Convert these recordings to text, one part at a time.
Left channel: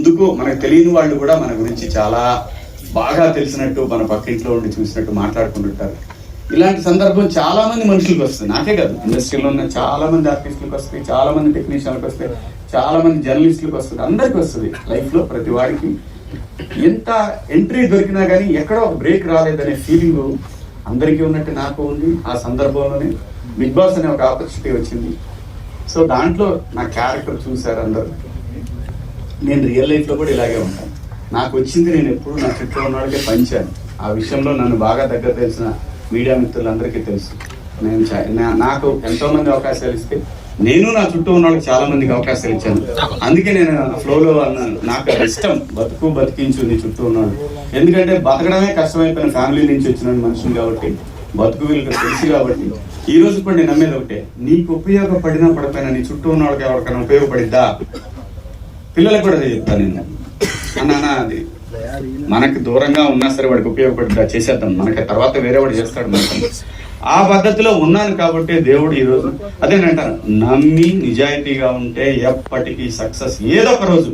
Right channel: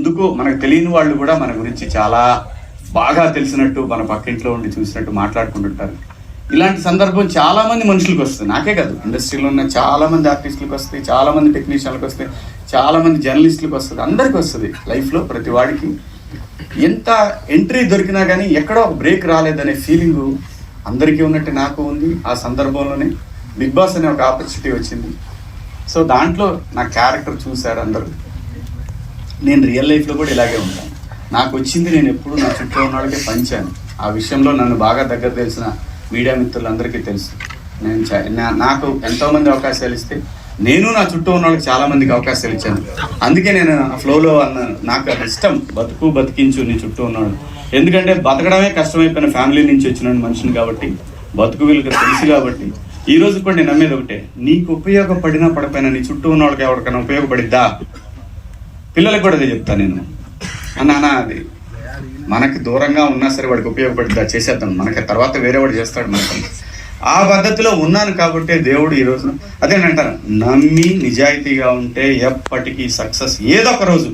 ఎందుకు మనకు తెలియని వాళ్ళు కూడా మన గురించి చాలా బాగా తెలిసినట్టు మన పక్కింట్లో ఉండి చూసినట్టు మాట్లాడుకుంటుంటారు. ఇలాంటి సందర్భం చాలా మంది మనుషులకు వస్తుంది. నాకే కాదు, ఇండస్ట్రీలో ఉన్న చాలా మంది ఆర్టిస్టులకు వస్తాయి, చాలా మంది టెక్నీషియన్లకు వస్తాయి, చాలా మంది జర్నలిస్టులకు వస్తుంది, అందరికి వస్తుంది. లైఫ్లో ప్రతి వాడికి ఎంత ఎంట్రీ దొరికినా కానీ ఎక్కడో బ్రేక్ రాలేదనే ఫీలింగ్ అందరికీ ఉన్నట్టు నాకు ఉంది. ఆ సందర్భంలోనే బిగ్ బాస్ అనే ఒక ఆపర్చునిటీ వచ్చింది. సో దాంట్లో నా క్యారెక్టర్ చూశారు అందరూ. నేను రియల్ లైఫ్లో కూడా ఇలాగే ఉంటాను. నాకు వచ్చింది నేను ఎప్పుడు నా చుట్టూ ఉన్న వాళ్ళకే పంచాను. ఆ విషయంలో నన్ను బాగా దగ్గర తెలిసిన మీడియా మిత్రులందరికీ తెలుసు. నాకు ఎంతోమంది అవకాశాలు ఇస్తే నేను నా చుట్టూ ఉన్న వాళ్ళకి చాలా మందికి అవకాశాలు ఇచ్చాను. అందుకే నేను ఫ్లోలో అన్నాను, నాకు అది ఇష్టం, బతికించు నీ చుట్టూ ఉన్నాడు. ఎందుకంటే బతకడమే కష్టమైపోయిన ఫ్యామిలీ నుంచి వచ్చిన మనిషిని కాబట్టి, బతుకు వీళ్ళకి తెలుసు కాబట్టి ఈ రోజు కూడా నేను నమ్మేది ఒకటే, నీకు ఉపయోగపడినా పడిపోయినా నీ చుట్టూ ఉన్న వాళ్ళకి ఎవరికైనా ఉపయోగపడిద్దా? పిల్లలకు కూడా అదే చెప్తాను నేను. అన్నా అది మనకు దూరంగా ఉన్నా సరే వాడికి ఉపయోగపడిద్దా, చేసేద్దాం, మనకి తర్వాత వేరే వాడు చేస్తాడు. మనకి ఆ పద్ధతిలో ఉన్నాను కాబట్టి దేవుడు ఈరోజు అదే అంటాను, నమ్మి నిజాయితీగా ఉంటే ఎప్పటికీ సక్సెస్ ఏదో ఒక రోజు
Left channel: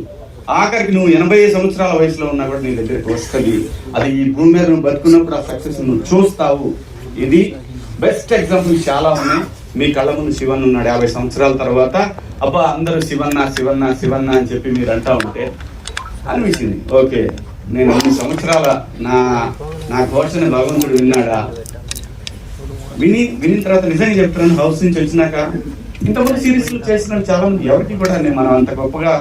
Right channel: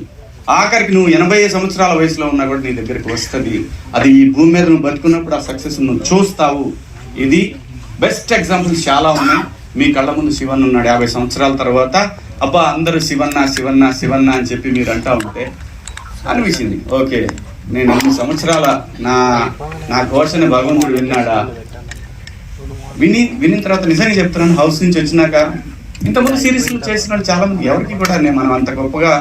ఆఖరికి నువ్వు 80 సంవత్సరాల వయసులో ఉన్నా కూడా నీ దగ్గరికి వస్తుంది. అది ఈ భూమి మీద నువ్వు బతుకున్నప్పుడు ఆ సక్సెస్ నువ్వు చూస్తావు. ఇది బెస్ట్ ఎగ్జాంపుల్స్ చాలా ఉన్నాయి. మీ కళ్ళ ముందు శివన్ ఉన్నాడు 50 సంవత్సరాల తర్వాత. అబ్బా అందరూ శివన్న శివన్న శివన్న అని చెప్పి మీరు అంటా ఉంటే అనిపించింది, ఓకే నేను 2 సంవత్సరాల నా ఘోషని భగవంతుడు విన్నాడా? వినిన తర్వాత నిజంగా చెప్తున్నాను, హౌస్ నుంచి వచ్చినాక ఇంతకుముందు సిరీస్లు చేసిన చాలా మంది ఎవరికి కూడా మనం అంత గొప్పగా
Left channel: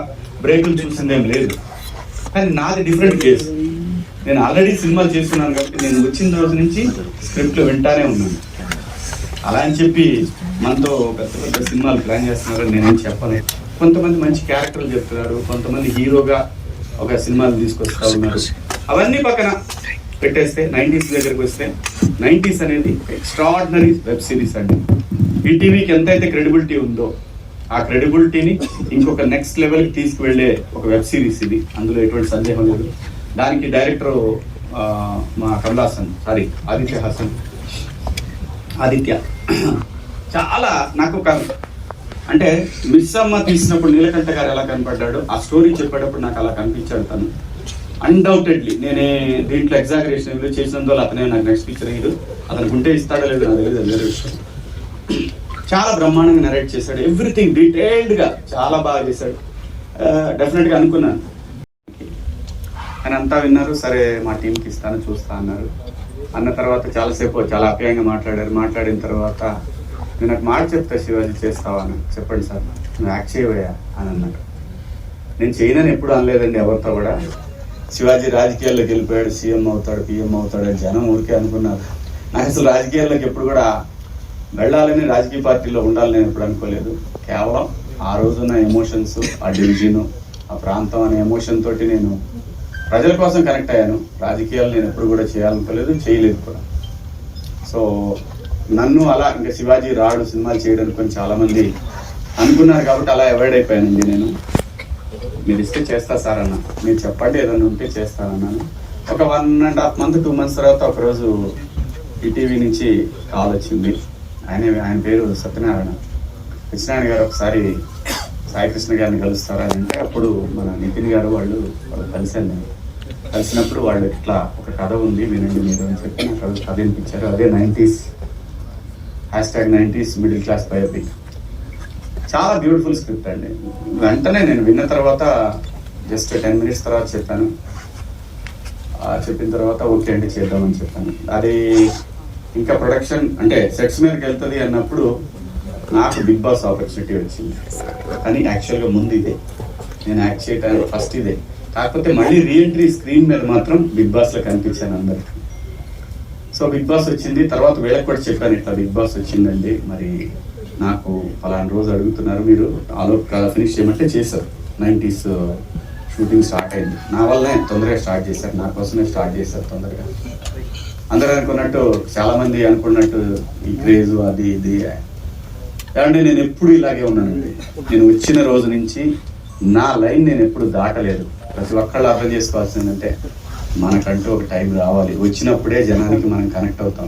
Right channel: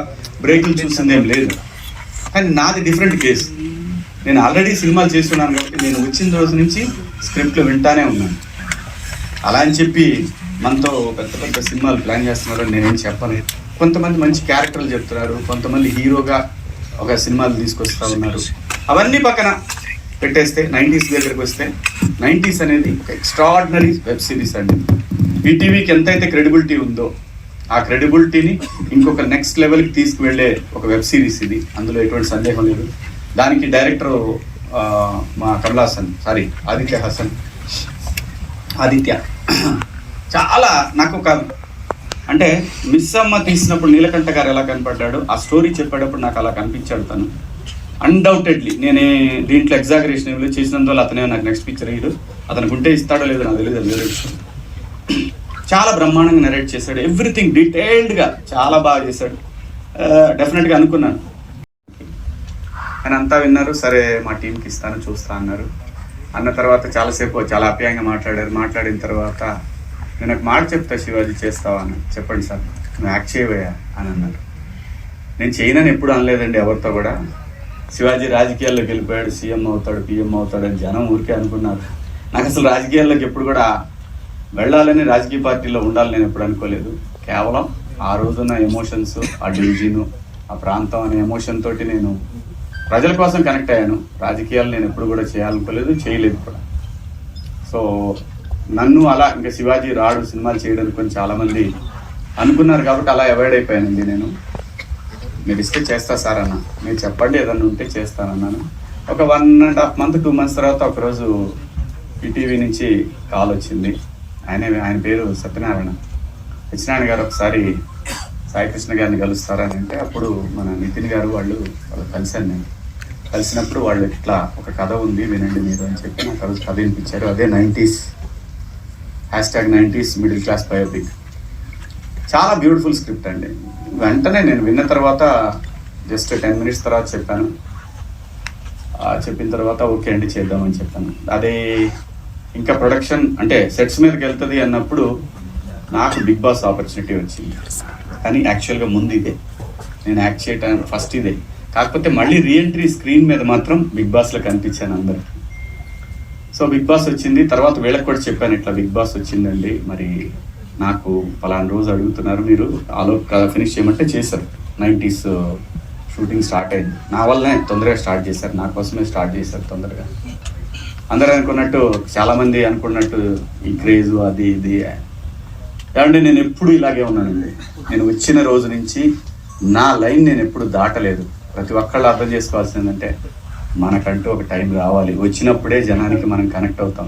బ్రేకులు చూసిందేం లేదు. కానీ నాది డిఫరెంట్ కేసు. నేను ఆల్రెడీ సినిమాలు చేస్తున్నాను కాబట్టి నేను వచ్చిన రోజు నుంచి స్క్రిప్ట్లు వింటానే ఉన్నాను. అలా అని చెప్పి మనతో పెద్ద పెద్ద సినిమాలు ప్లాన్ చేస్తున్నారని నేనేం చెప్పను. కొంతమంది మంచి క్యారెక్టర్లు చెప్తున్నారు, కొంతమంది హీరోగా ఒక సినిమాలు తీసుకొస్తా ఉన్నారు. అవన్నీ పక్కన పెట్టేస్తే 90s దగ్గరికి వస్తే 90s అనేది ఎక్స్ట్రాడినరీ వెబ్ సిరీస్ అండి. ఈటీవీకి ఎంతైతే క్రెడిబిలిటీ ఉందో ఆ క్రెడిబిలిటీని ఇంకొక నెక్స్ట్ లెవెల్కి తీసుకువెళ్ళే ఒక వెబ్ సిరీస్ ఇది. అందులో ఎటువంటి సందేహం లేదు. దానికి డైరెక్టర్ మా ఆదిత్య చాలా నాకు ఒక అంటే మిస్ అమ్మ తీసినప్పుడు నీలకంఠ గారు ఎలా కనపడ్డాడు, ఆ స్టోరీ చెప్పేటప్పుడు నాకు అలా కనిపించాడు తను. అన్డౌటెడ్లీ నేను దీంట్లో ఎగ్జాగరేషన్ చేసినందువల్ల అతనే నాకు నెక్స్ట్ పిక్చర్ అయ్యాడు. అతనికి ఉంటే ఇస్తాడో లేదో నాకు తెలియదు, వేరే విషయం. చాలా బ్రహ్మాండంగా నరేట్ చేశాడు, ఎవ్రీథింగ్ డీటెయిల్డ్గా చాలా బాగా చేశాడు. డెఫినెట్గా అనుకున్నాను. నేను అంతా విన్నారు, సరే మా టీంకి ఇస్తాను చూస్తా అన్నారు. అన్న తర్వాత చాలాసేపు చాలా ఆప్యాయంగా మాట్లాడారు. మాట్లాడిన తర్వాత నేను ఒక మాట చెప్తా, శివాజీ చేస్తావా అని. చెప్పండి సార్, నువ్వు యాక్ట్ చేయవయ్యా అని అన్నారు. నేను చేయనని ఎప్పుడు అనలేదండి ఎవరితో కూడా. శివాజీ రాజకీయాల్లోకి వెళ్ళిపోయాడు, సీఎం అవుతాడు, పిఎం అవుతాడు అని జనం ఊరికే అనుకున్నారు. నాకు అసలు రాజకీయాల్లోకి ఎప్పుడు కూడా వెళ్ళాలని, రాజకీయ పార్టీలో ఉండాలని నేను ఎప్పుడు అనుకోలేదు. కేవలం ఆ రోజున్న ఎమోషన్స్, ఆ డివిజన్, ఆ ప్రాంతం అనే ఎమోషన్ తోటి నేను ప్రజల కోసం కనెక్ట్ అయ్యాను. రాజకీయాలు నేను ఎప్పుడు కూడా చేయాలనుకోలేదు, చేయలేదు కూడా. సో నన్ను అలా ఇంకా శివాజీ రాడు సినిమాలు చేయడానికి కొంచెం చాలామంది అనుకున్నారు కాబట్టి అలా అవాయిడ్ అయిపోయానండి. నేను మీరు ఇస్తే చేస్తా సార్ అన్న, మీరు చెప్పండి ఏదన్నా ఉంటే చేస్తానన్నాను. ఒక 1.5 month 2 months తర్వాత ఒకరోజు ఈటీవీ నుంచి కాల్ వచ్చింది. ఆయన పేరు సత్యనారాయణ గారు. ఒకసారి సాయికృష్ణ గారిని కలుస్తారా అంటే అప్పుడు మన నితిన్ గారు వాళ్ళు కలిశాను. నేను కలిసినప్పుడు వాళ్ళు ఇట్లా ఒక కథ ఉంది వినండి మీరు అని చెప్పి నాకు కథ వినిపించారు. అదే 90s #90s middle class biopic. చాలా బ్యూటిఫుల్ స్క్రిప్ట్ అండి. వెంటనే నేను విన్న తర్వాత జస్ట్ 10 minutes తర్వాత చెప్పాను. చెప్పిన తర్వాత ఓకే అండి చేద్దామని చెప్పాను. అది ఇంకా ప్రొడక్షన్ అంటే సెట్స్ మీదకి వెళ్తుంది అన్నప్పుడు నాకు బిగ్ బాస్ ఆపర్చునిటీ వచ్చింది. కానీ యాక్చువల్గా ముందు ఇదే నేను యాక్ట్ చేయడానికి ఫస్ట్ ఇదే. కాకపోతే మళ్ళీ రీఎంట్రీ స్క్రీన్ మీద మాత్రం బిగ్ బాస్లో కనిపించాను అందరికి. సో బిగ్ బాస్ వచ్చింది తర్వాత వీళ్ళకి కూడా చెప్పాను, ఇట్లా బిగ్ బాస్ వచ్చిందండి, మరి నాకు పలానా రోజు అడుగుతున్నారు, మీరు ఆలో ఫినిష్ చేయమంటే చేశారు. 90s షూటింగ్ స్టార్ట్ అయింది. నా వల్లనే తొందరగా స్టార్ట్ చేశారు, నా కోసమే స్టార్ట్ చేశారు తొందరగా. అందరూ అనుకున్నట్టు చాలామంది అనుకున్నట్టు ఈ క్రేజ్ అది ఇది ఏమంటే నేను ఎప్పుడు ఇలాగే ఉన్నానండి. నేను వచ్చిన రోజు నుంచి నా లైన్ నేను ఎప్పుడు దాటలేదు. ప్రతి ఒక్కళ్ళు అర్థం చేసుకోవాల్సిందంటే మనకంటూ ఒక టైం రావాలి, వచ్చినప్పుడే జనానికి మనం కనెక్ట్ అవుతాం.